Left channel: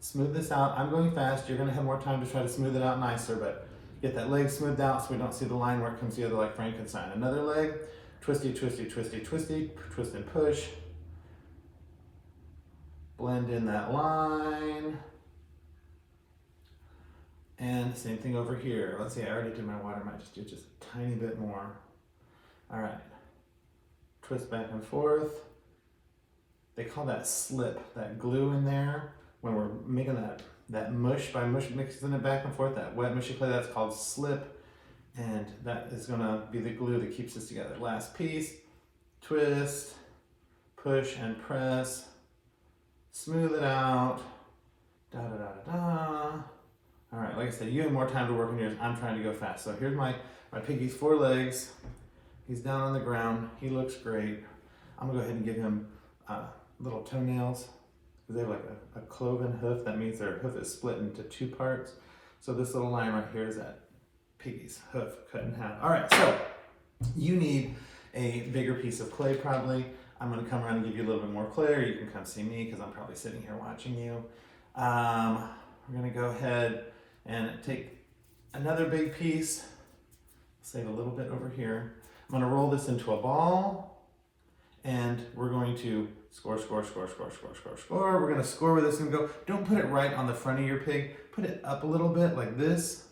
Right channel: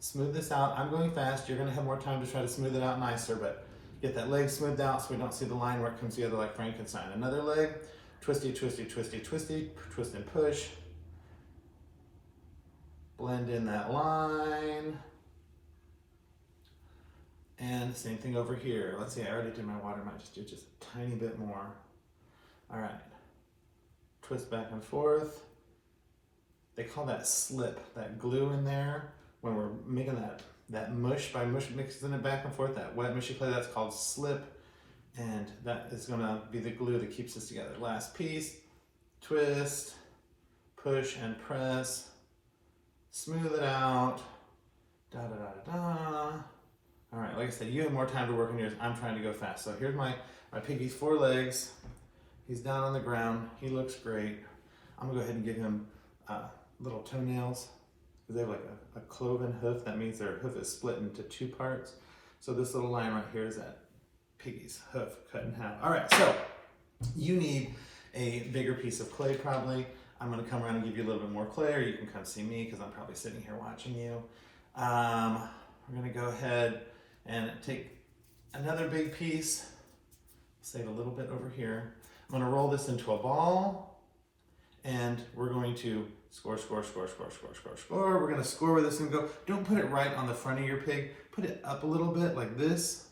Smooth this out. I'm going fast. You're gonna have more time to try to smooth it out nicer, but get that leg smoothed out so we don't see the line where it comes together like Frankenstein. Another leg, twisty, twisty, twisty, twisty, twist and push. Blend in that line. And same thing over here. Let's see, I already did my water, might just do just a tiny bit more. All right, twist back and forth. They call that slip, that glue in there. When we're making that mush, by mixing it back and forth, that wet mushy clay, that's called slip. And that is gonna be the glue that keeps us together. Last piece, twist, push and press, smooth it out, da da da da da. All right, like I said, you have more time to work on yours. I'm trying to go fast. So here's my piggy's 4 legs. He's down on the ground. He looks great. I'm gonna go ahead and give him little toenails, because they have like a cloven hoof. That means their hoof is split into 2 parts. So this little line right here is that piggy's hoof cut in half. All right, so you need a bigger piece of clay probably. I'm gonna come around and give you a little bit more clay, or you can come see me because I'm probably sitting here watching you. We're gonna go ahead and take another big piece, save a little bit over here. I'm gonna roll this into a ball, and we're going to score, score, score, score, score, score, score. We're gonna score where this is gonna go. Don't put it right on the front of your pig. Put it up a little bit like this.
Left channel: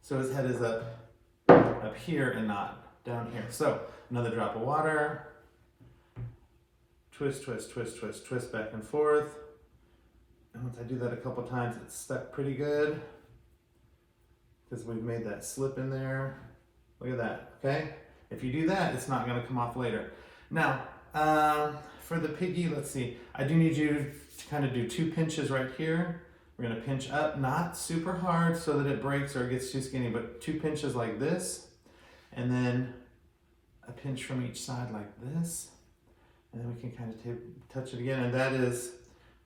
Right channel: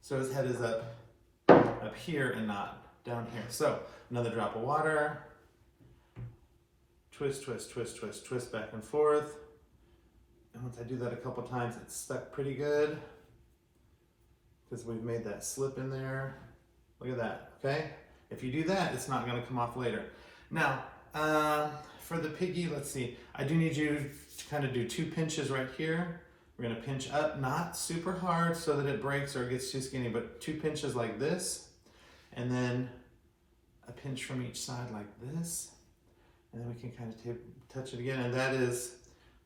So his head is up here and not down here. So another drop of water. Twist, twist, twist, twist, twist back and forth. And once I do that a couple times, it's stuck pretty good because we've made that slip in there. Look at that, okay? If you do that, it's not gonna come off later. Now, for the piggy, let's see. I do need you to kind of do 2 pinches right here. We're gonna pinch up, not super hard so that it breaks or it gets too skinny, but 2 pinches like this. And then a pinch from each side like this. And then we can kind of touch it again. And that is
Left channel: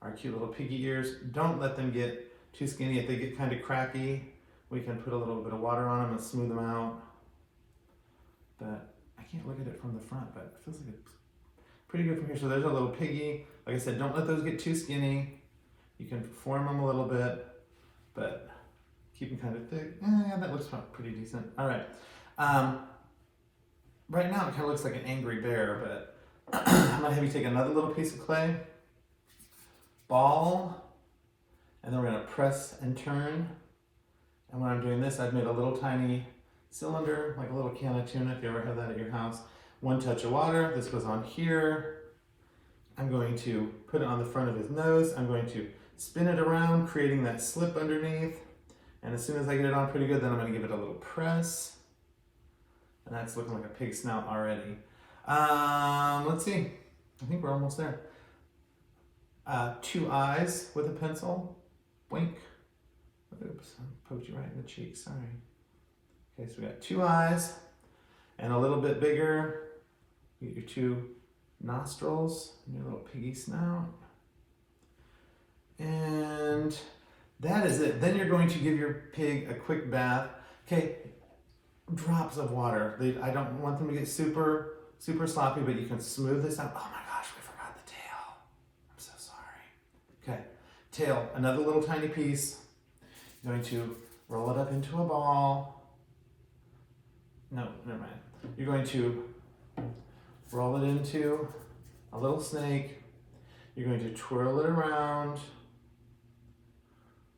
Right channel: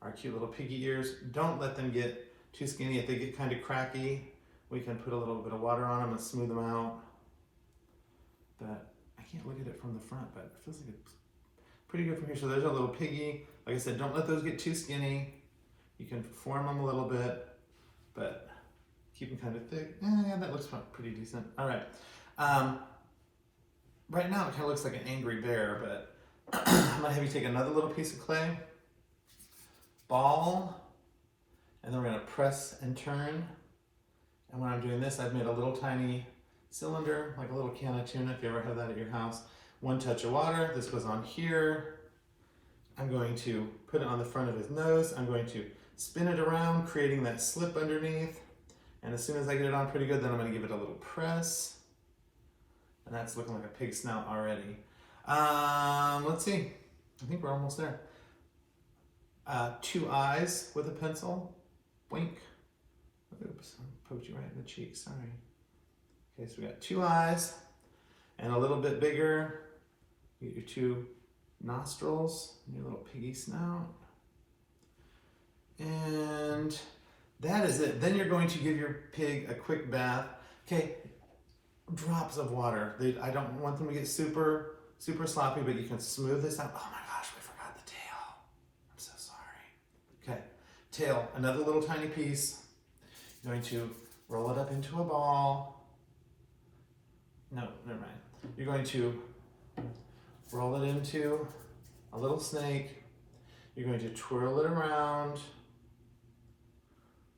our cute little piggy ears. Don't let them get too skinny. If they get kind of cracky, we can put a little bit of water on them and smooth them out. But I can't look at it from the front, but it feels like it's pretty good from here. So there's our little piggy. Like I said, don't let those get too skinny. You can form them a little bit, but keep them kind of thick. Yeah, that looks pretty decent. All right. Right now it kind of looks like an angry bear, but I'm gonna have you take another little piece of clay, ball, and then we're gonna press and turn. And when I'm doing this, I've made a little tiny cylinder, like a little can of tuna, if you ever have that at your house. 1 touch of water, this goes on here. I'm going to put it on the front of his nose. I'm going to spin it around, creating that slip underneath. And as soon as I get it on pretty good, then I'm gonna give it a little press. And that's looking like a pig snout already. Let's see, I think we're almost there. 2 eyes with a pencil, wink. Oops, I poked you right in the cheek, sorry. Okay, so we got 2 eyes and a little bit bigger. You get your 2 nostrils and your little piggy snout. And that is it. Then you're going to give your pig a quick bath. Okay, drops of water. I don't want them to get super sloppy, but you can smooth this out. Oh my gosh, we forgot the tail. I'm so sorry. Okay, tail, another little tiny piece. You're going to roll it up into a ball. No, never mind. You're going to roll it into a little snake. You're going to twirl it around.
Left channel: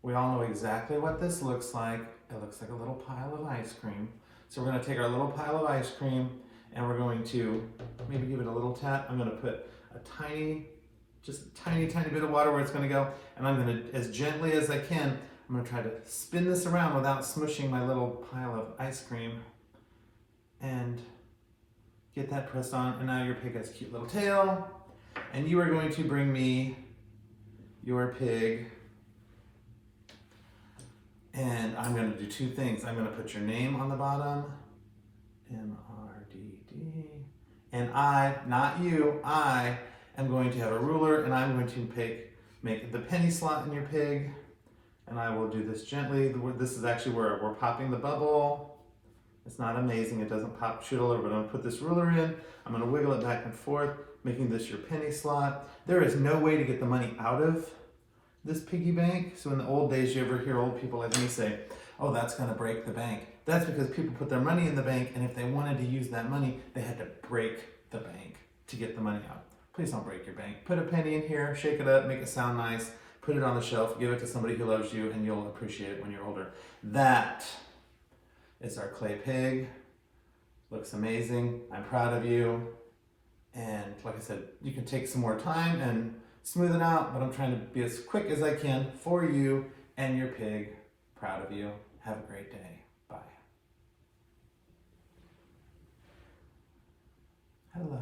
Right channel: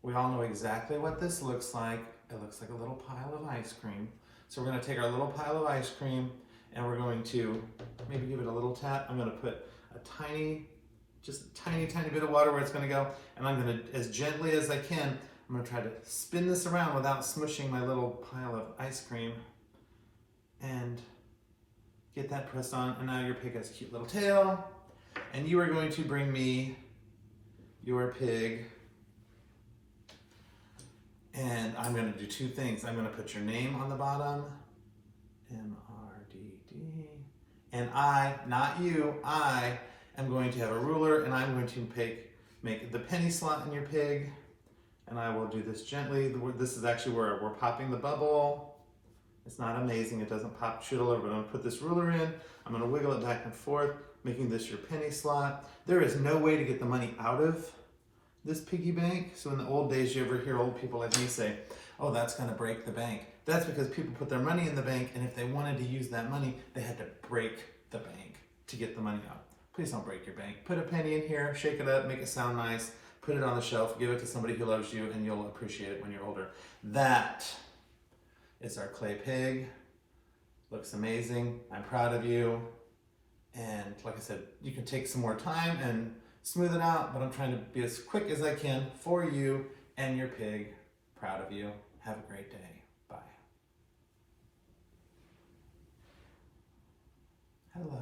We all know exactly what this looks like. It looks like a little pile of ice cream. So we're gonna take our little pile of ice cream and we're going to maybe give it a little tap. I'm gonna put a tiny bit of water where it's gonna go. And I'm gonna, as gently as I can, I'm gonna try to spin this around without smushing my little pile of ice cream and get that pressed on. And now your pig has a cute little tail. And you are going to bring me your pig. And I'm gonna do 2 things. I'm gonna put your name on the bottom, M-R-D-D. And I, not you, I am going to have a ruler and I'm going to make the penny slot in your pig. And I will do this gently. This is actually where we're popping the bubble. It's not amazing, it doesn't pop, shoot all over, but I'm gonna put this ruler in. I'm gonna wiggle it back and forth, making this your penny slot. There is no way to get the money out of this piggy bank. So in the old days, you ever hear old people like me say, oh, that's gonna break the bank. That's because people put their money in the bank, and if they wanted to use that money, they had to break the bank to get the money out. Please don't break your bank. Put a penny in here, shake it up, make it sound nice, put it on the shelf, give it to somebody who loves you, and you'll appreciate it when you're older. That is our clay pig. Looks amazing. I'm proud of you. And like I said, you can take some more time and smooth it out, but I'm trying to be as quick as I can for you and your pig. Proud of you. Have a great day. Bye. Hello.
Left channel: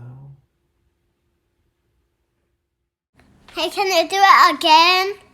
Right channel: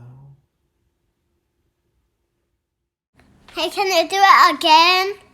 Hey, can you do it again?